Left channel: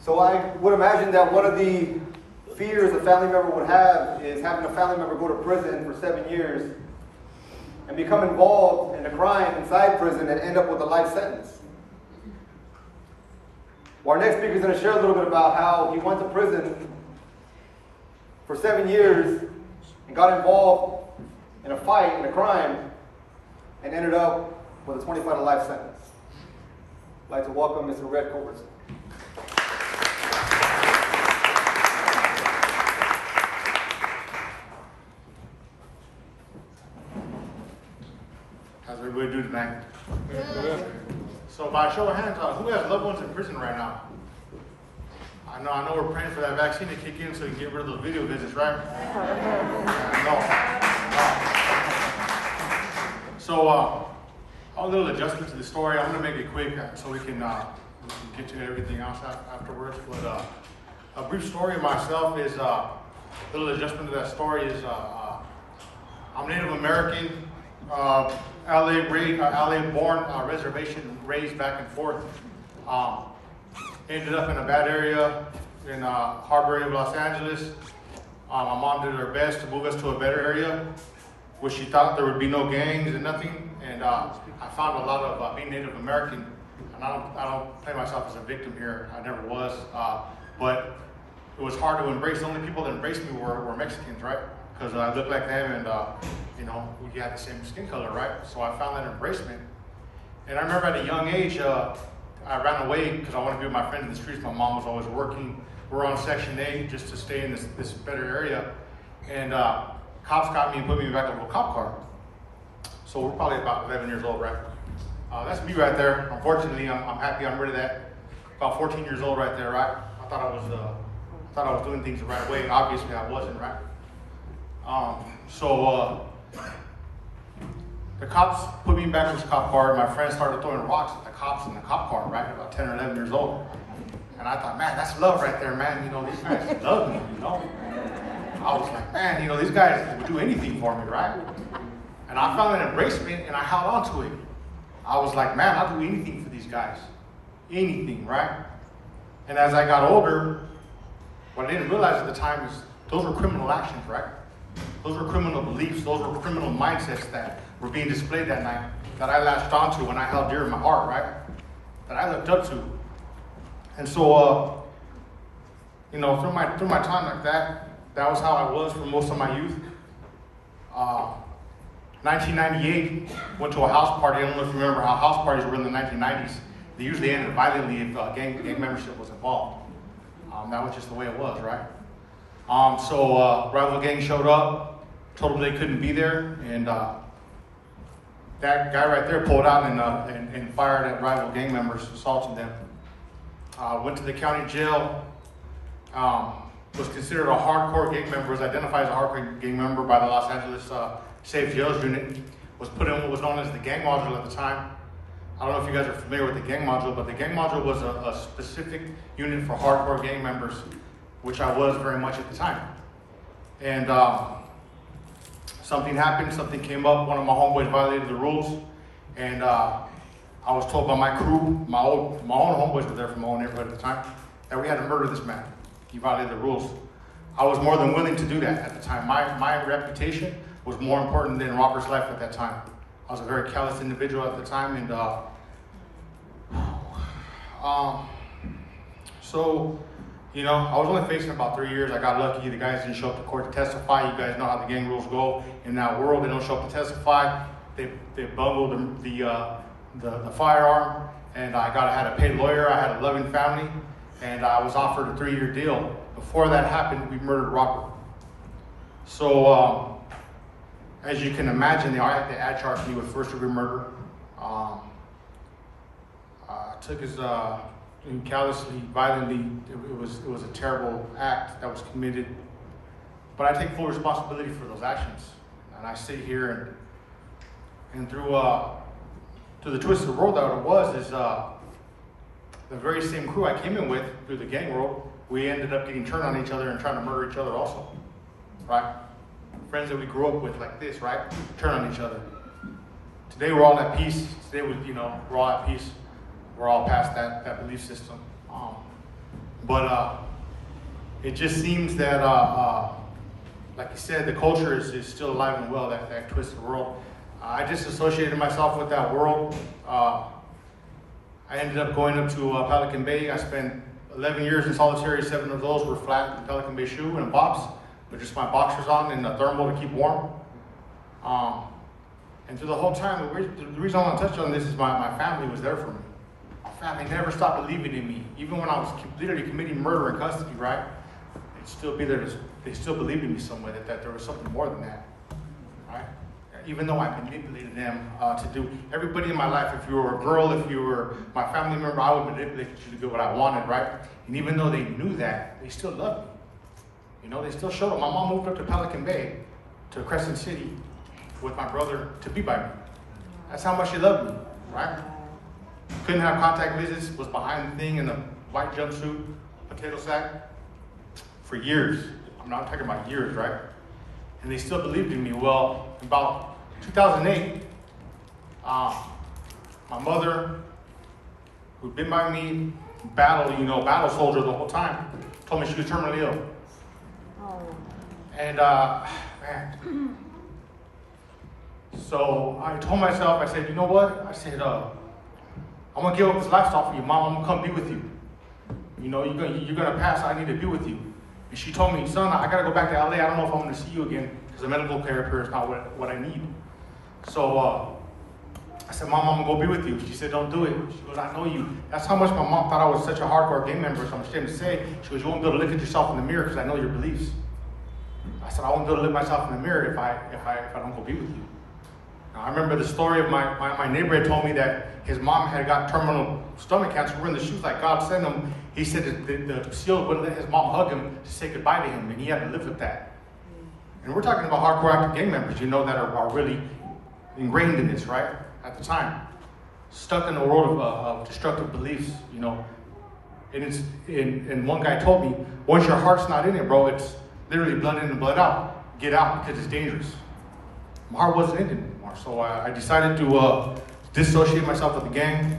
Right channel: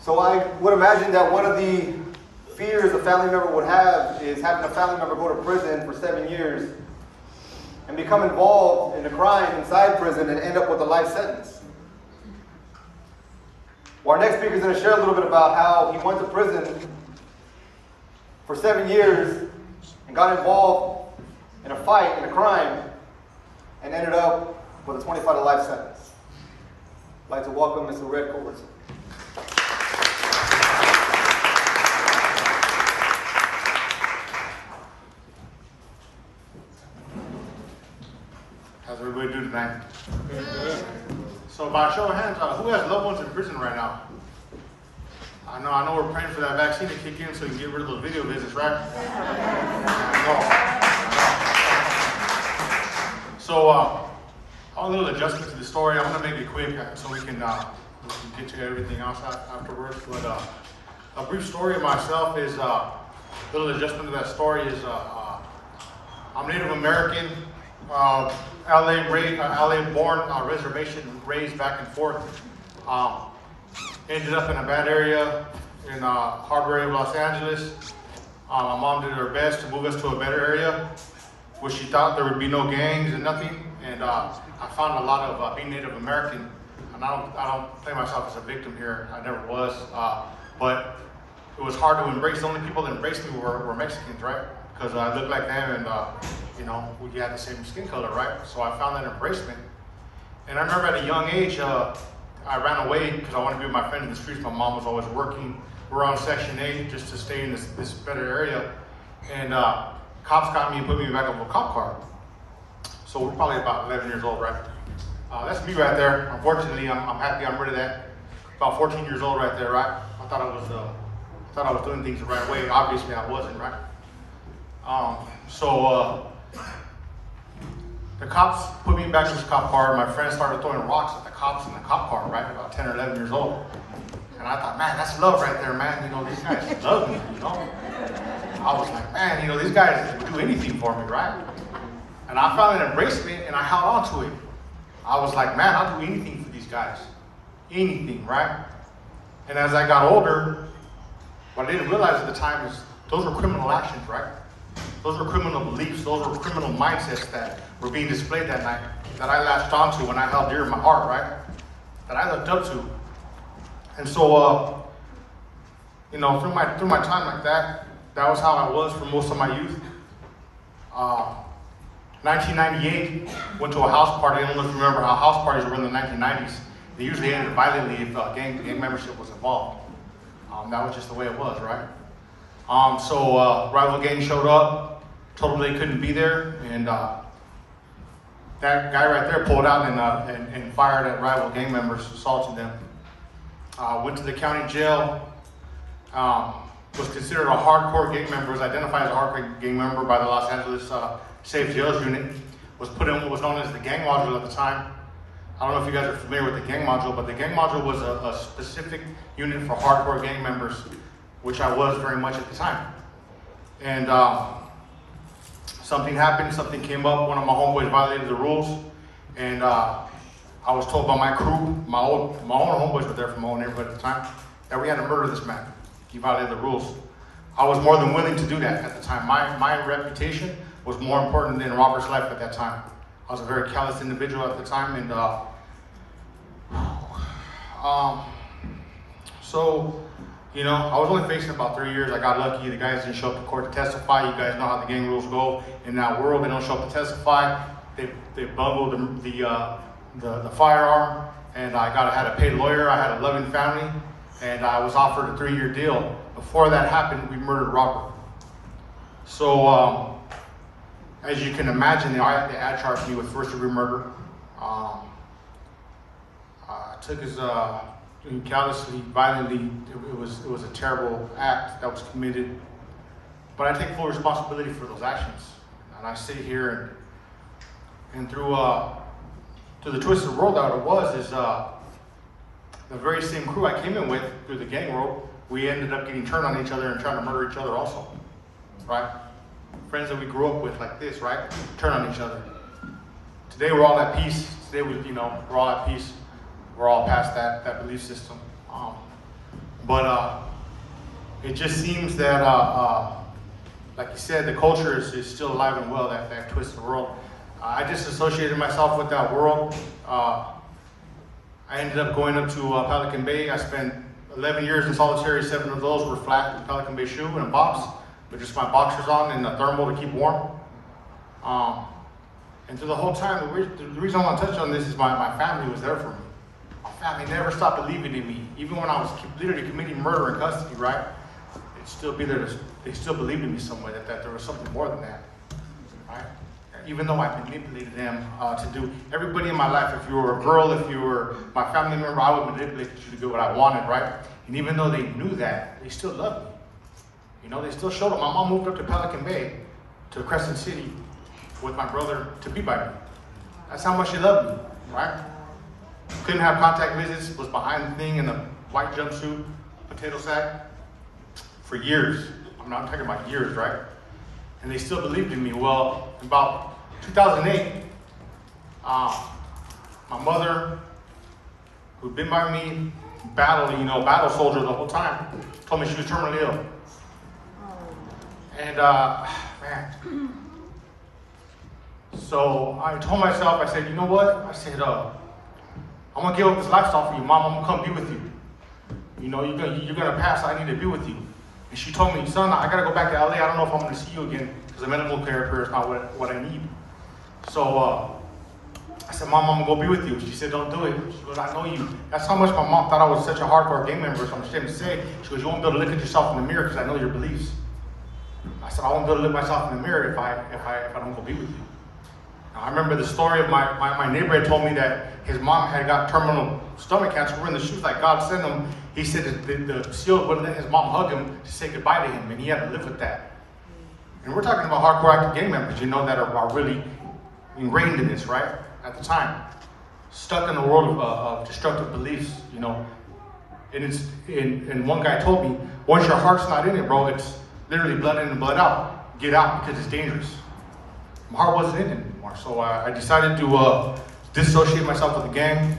So I would imagine that one of the fears a family member would have is having a family member go to prison for 7 years and become involved in a crime inside prison and end up with a life sentence. Well, our next speaker is going to share a little bit about how he went to prison for 7 years and got involved in a fight, in a crime, and ended up with a 25 to life sentence. I'd like to welcome Mr. Red Culbertson. How's everybody doing tonight? So by show of hands, who has loved ones in prison right now? I know we're praying for that vaccine to kick in so you can get rid of those video visits, right? I know. So a little adjustment to the story. I'm going to make it quick so we can get to everything else afterwards. But a brief story of myself is a little adjustment to that story is I'm Native American. LA born, reservation raised back and forth. Ended up in a bad area in harbor area of Los Angeles. My mom did her best to move us to a better area, where she thought there would be no gangs and nothing. And I found a lot of being Native American, and I don't play myself as a victim here. I never was, but it was hard to embrace. The only people that embraced me were Mexicans, right? Because I looked like them, and we had the same skin color, right? So I found that embracement. And I remember at a young age, I ran away because I wanted to be with my friends in the streets. My mom was always working. We were on Section 8 just to stay in this better area. And cops got me and put me in the back of a cop car. So we're probably about 11 years old, right? That's me right there. Unfortunately, I'm happy I'm rid of that. About 14 years old right there, right? I thought I was doing things the right way. Obviously, I wasn't, right? The cops put me back in this cop car. My friends started throwing rocks at the cops in the cop car, right? About 10 or 11 years old. And I thought, man, that's love right there, man. These guys love me, I was like, man, these guys would do anything for me, right? And I found an embracement and I held on to it. I was like, man, I'll do anything for these guys. Anything, right? And as I got older, what I didn't realize at the time is those were criminal actions, right? Those were criminal beliefs. Those were criminal mindsets that were being displayed that night that I latched onto when I held dear in my heart, right? That I looked up to. And so, through my time like that, that was how I was for most of my youth. 1998, went to a house party. I don't know if you remember how house parties were in the 1990s. They usually ended violently if gang membership was involved. That was just the way it was, right? Rival gang showed up, told them they couldn't be there, and that guy right there pulled out and fired at rival gang members, assaulting them. Went to the county jail, was considered a hardcore gang member, was identified as a hardcore gang member by the Los Angeles Safe Jails Unit, was put in what was known as the gang module at the time. I don't know if you guys are familiar with the gang module, but the gang module was a specific unit for hardcore gang members, which I was very much at the time. And something happened, something came up, one of my homeboys violated the rules, and I was told by my crew, my own homeboys were there from my own neighborhood at the time, that we had to murder this man. He violated the rules. I was more than willing to do that at the time. My reputation was more important than Robert's life at that time. I was a very callous individual at the time, and I was only facing about 3 years. I got lucky. The guys didn't show up to court to testify. You guys know how the gang rules go in that world. They don't show up to testify. They bungled the firearm, and I had a paid lawyer. I had a loving family, and I was offered a 3-year deal. Before that happened, we murdered Robert. So, as you can imagine, they ad charged me with first-degree murder. Took his callously, violently. It was a terrible act that was committed. But I take full responsibility for those actions. And I sit here and through the twisted world that it was is the very same crew I came in with through the gang world. We ended up getting turned on each other and trying to murder each other also, right? Friends that we grew up with like this, right? Turn on each other. Today we're all at peace. Today we're all at peace. We're all past that belief system. But it just seems that, like you said, the culture is still alive and well, that twisted world. I disassociated myself with that world. I ended up going up to Pelican Bay. I spent 11 years in solitary. 7 of those were flat in Pelican Bay shoe in a box with just my boxers on and a thermal to keep warm. And through the whole time, the reason I want to touch on this is my family was there for me. My family never stopped believing in me. Even when I was literally committing murder in custody, right? They'd still be there. They still believed in me some way, that there was something more than that, right? Even though I manipulated them to do, everybody in my life, if you were a girl, if you were my family member, I would manipulate you to do what I wanted, right? And even though they knew that, they still loved me. You know, they still showed up. My mom moved up to Pelican Bay, to Crescent City, with my brother to be by me. That's how much she loved me, right? Couldn't have contact visits, was behind the thing in a white jumpsuit, potato sack, for years. I'm talking about years, right? And they still believed in me. Well, about 2008, my mother, who'd been by me, battle soldier the whole time, told me she was terminally ill. And man. So I told myself, I said, you know what? I said, I'm gonna give up this lifestyle for you, Mom. I'm gonna come be with you. You know, you're gonna pass. I need to be with you. And she told me, son, I gotta go back to LA. I don't know if I'm gonna see you again because the medical care here is not what I need. So I said, Mom, I'm gonna go be with you. She said, don't do it. She goes, I know you. That's how much my mom thought I was such a hardcore gang member. So I'm ashamed to say. She goes, you won't be able to look at yourself in the mirror because I know your beliefs. I said, I won't be able to look myself in the mirror if I don't go be with you. Now, I remember the story of my neighbor had told me that his mom had got terminal stomach cancer. We're in the shoes like God sent him. He said that the seal wouldn't let his mom hug him to say goodbye to him, and he had to live with that. And we're talking about hardcore active gang members, that are really ingrained in this, right? At the time, stuck in a world of destructive beliefs, And one guy told me, once your heart's not in it, bro, it's literally blood in and blood out. Get out because it's dangerous. My heart wasn't in it anymore, so I decided to dissociate myself with the gang.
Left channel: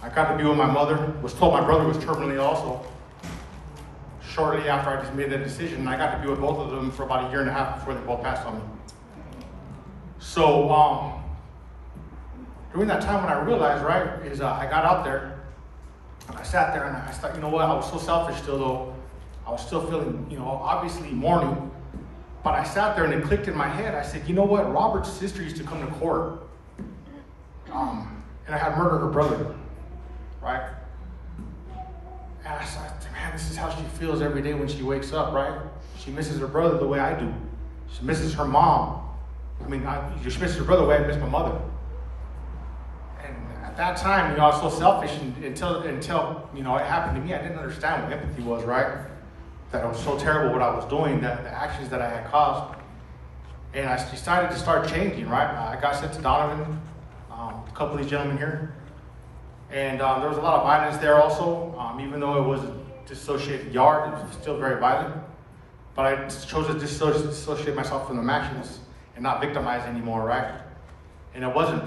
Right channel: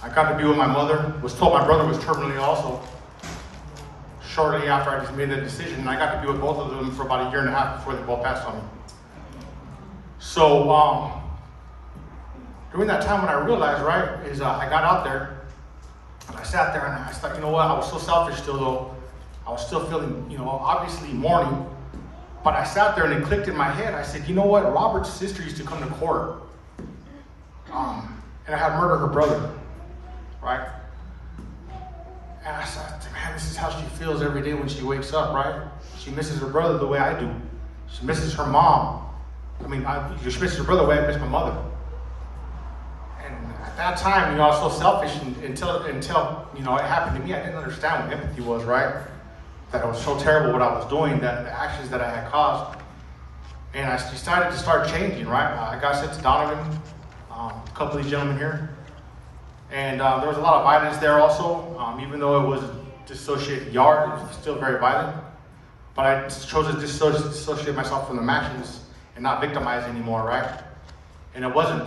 I got to be with my mother. Was told my brother was terminally ill also. Shortly after I just made that decision, I got to be with both of them for about 1.5 years before they both passed on me. So during that time when I realized, right, is I got out there and I sat there and I thought, you know what, I was so selfish still though. I was still feeling, obviously mourning. But I sat there and it clicked in my head. I said, you know what? Robert's sister used to come to court. And I had murdered her brother, right? And I said, man, this is how she feels every day when she wakes up, right? She misses her brother the way I do. She misses her mom. She misses her brother the way I miss my mother. And at that time, I was so selfish until it happened to me. I didn't understand what empathy was, right? That it was so terrible what I was doing, that the actions that I had caused. And I decided to start changing, right? I got sent to Donovan, a couple of these gentlemen here. And there was a lot of violence there also. Even though it was a dissociated yard, it was still very violent. But I chose to dissociate myself from the actions and not victimize anymore, right? And I wasn't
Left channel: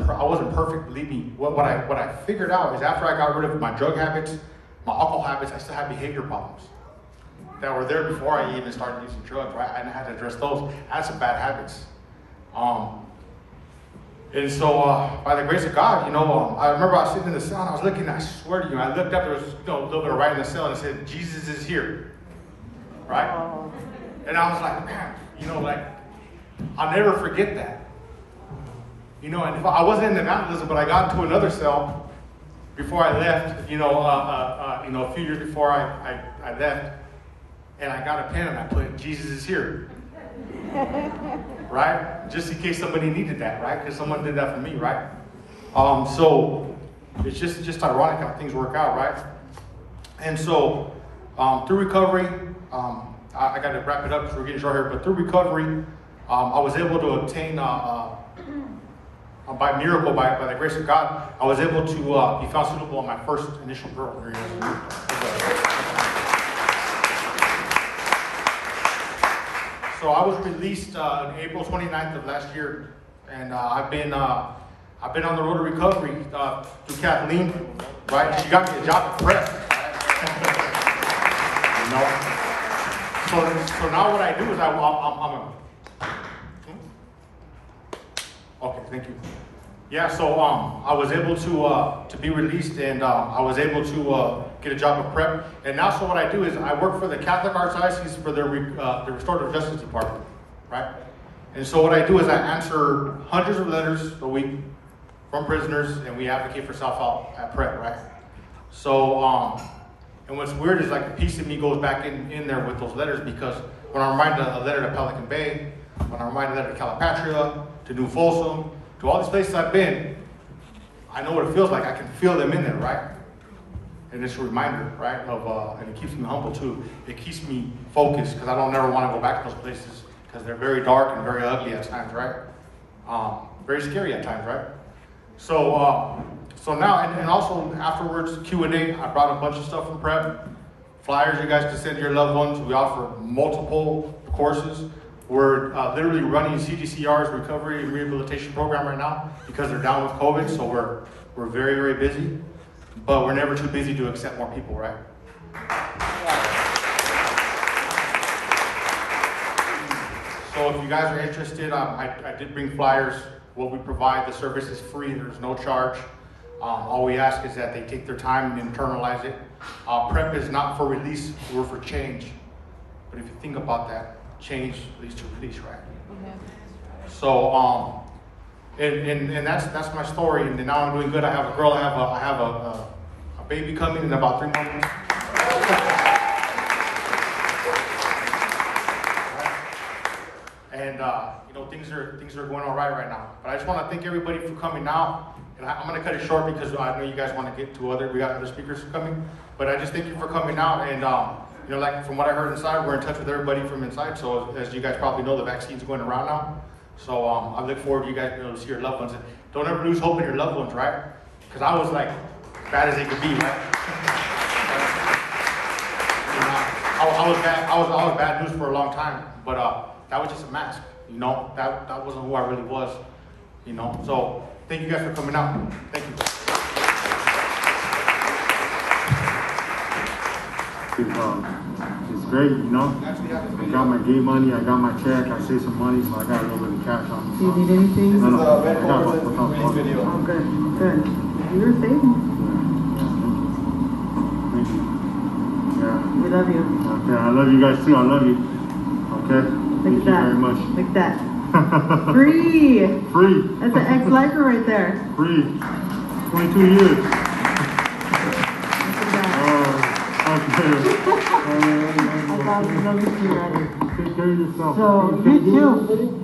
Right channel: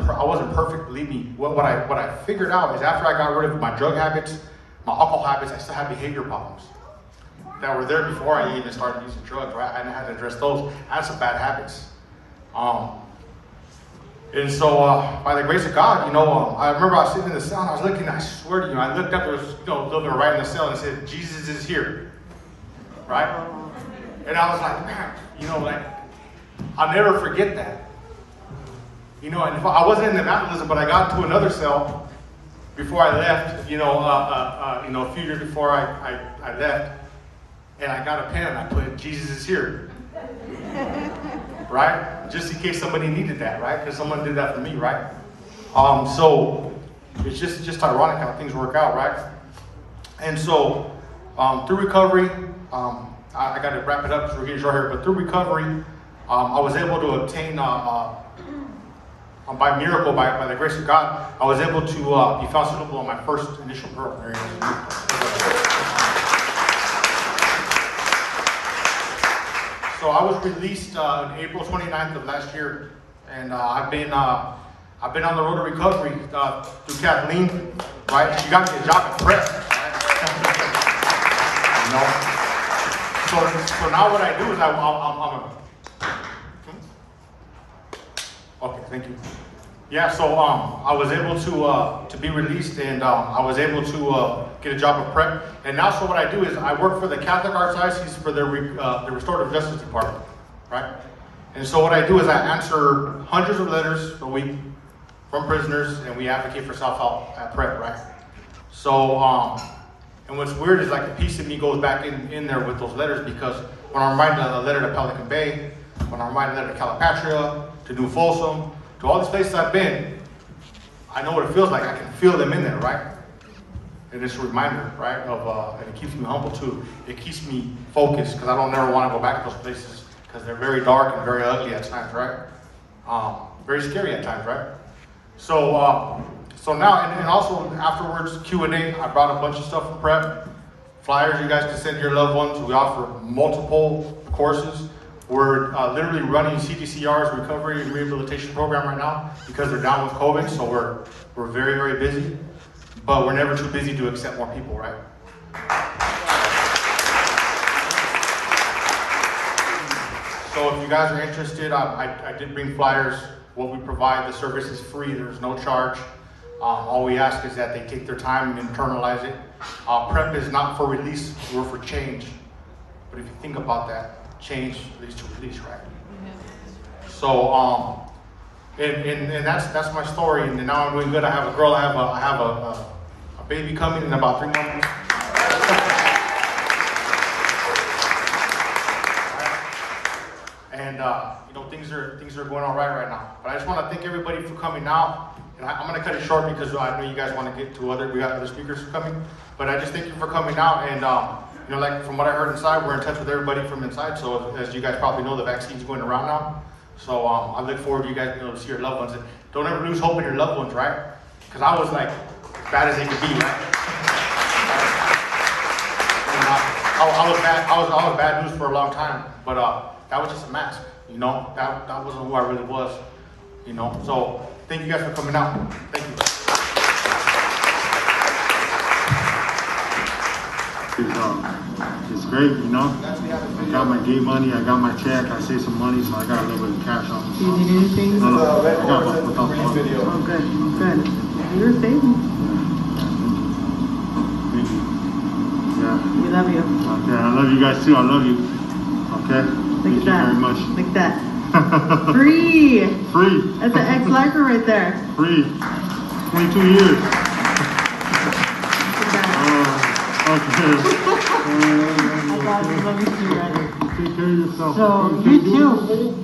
perfect, believe me. What I figured out is after I got rid of my drug habits, my alcohol habits, I still had behavior problems that were there before I even started using drugs, right? I had to address those. I had some bad habits. And so by the grace of God, I remember I was sitting in the cell and I was looking, I swear to you, I looked up, there was a little bit of writing in the cell and it said, Jesus is here, right? And I was like, man, I'll never forget that. And if I wasn't in the vandalism, but I got to another cell before I left, a few years before I left. And I got a pen and I put, Jesus is here. Right? Just in case somebody needed that, right? Because someone did that for me, right? So it's just ironic how things work out, right? And so through recovery, I got to wrap it up because we're getting short here, but through recovery, I was able to obtain, by miracle, by the grace of God, I was able to be found suitable on my first initial parole. So I was released on April 29th of last year, and I've been on the road to recovery through Kathleen, right? She got me a job at Prep, right? So now what I do is okay, thank you. Yeah, so I was able to be released, and I was able to get a job at prep. And now, so what I do is I work for the Catholic Archdiocese for the Restorative Justice Department, right? And so what I do is I answer hundreds of letters a week from prisoners, and we advocate for self-help at prep, right? So, and what's weird is like a piece of me goes back in there with those letters, because when I'm writing a letter to Pelican Bay, when I'm writing a letter to Calipatria, to New Folsom, to all these places I've been, I know what it feels like. I can feel them in there, right? And it's a reminder, right, of, and it keeps me humble too. It keeps me focused, because I don't ever want to go back to those places, because they're very dark and very ugly at times, right? Very scary at times, right? So, so now, and also afterwards, Q&A, I brought a bunch of stuff from prep. Flyers you guys can send to your loved ones. We offer multiple courses. We're literally running CDCR's recovery and rehabilitation program right now because they're down with COVID, so we're very, very busy. But we're never too busy to accept more people, right? So if you guys are interested, I did bring flyers. What we provide, the service is free. There's no charge. All we ask is that they take their time and internalize it. Prep is not for release, we're for change. But if you think about that, change leads to release, right? Mm-hmm. So, and that's my story. And now I'm doing good. I have a girl. I have a baby coming in about 3 months. And you know, things are going all right now. But I just want to thank everybody for coming out. And I'm going to cut it short because I know you guys want to get to we got other speakers coming. But I just thank you for coming out. And you know, like from what I heard inside, we're in touch with everybody from inside. So as you guys probably know, the vaccine's going around now. So I look forward to you guys being able to see your loved ones. And don't ever lose hope in your loved ones, right? Because I was like as bad as they could be, right? I was bad. I was bad news for a long time. But that was just a mask, you know. That wasn't who I really was, you know. So thank you guys for coming out. Thank you. It's great, you know. I got my gate money, I got my check, I saved some money, so I got a little bit of cash on me. Do you need anything? No, I got about $4,000. Oh, good, good. You're saving. Thank you. Yeah. We love you. Okay, I love you guys too. I love you. Okay. Thank you very much. Like that. Free. Free. That's an ex-lifer right there. Free. 22 years. Okay. I love you too, right? Take care of yourself. So, you too.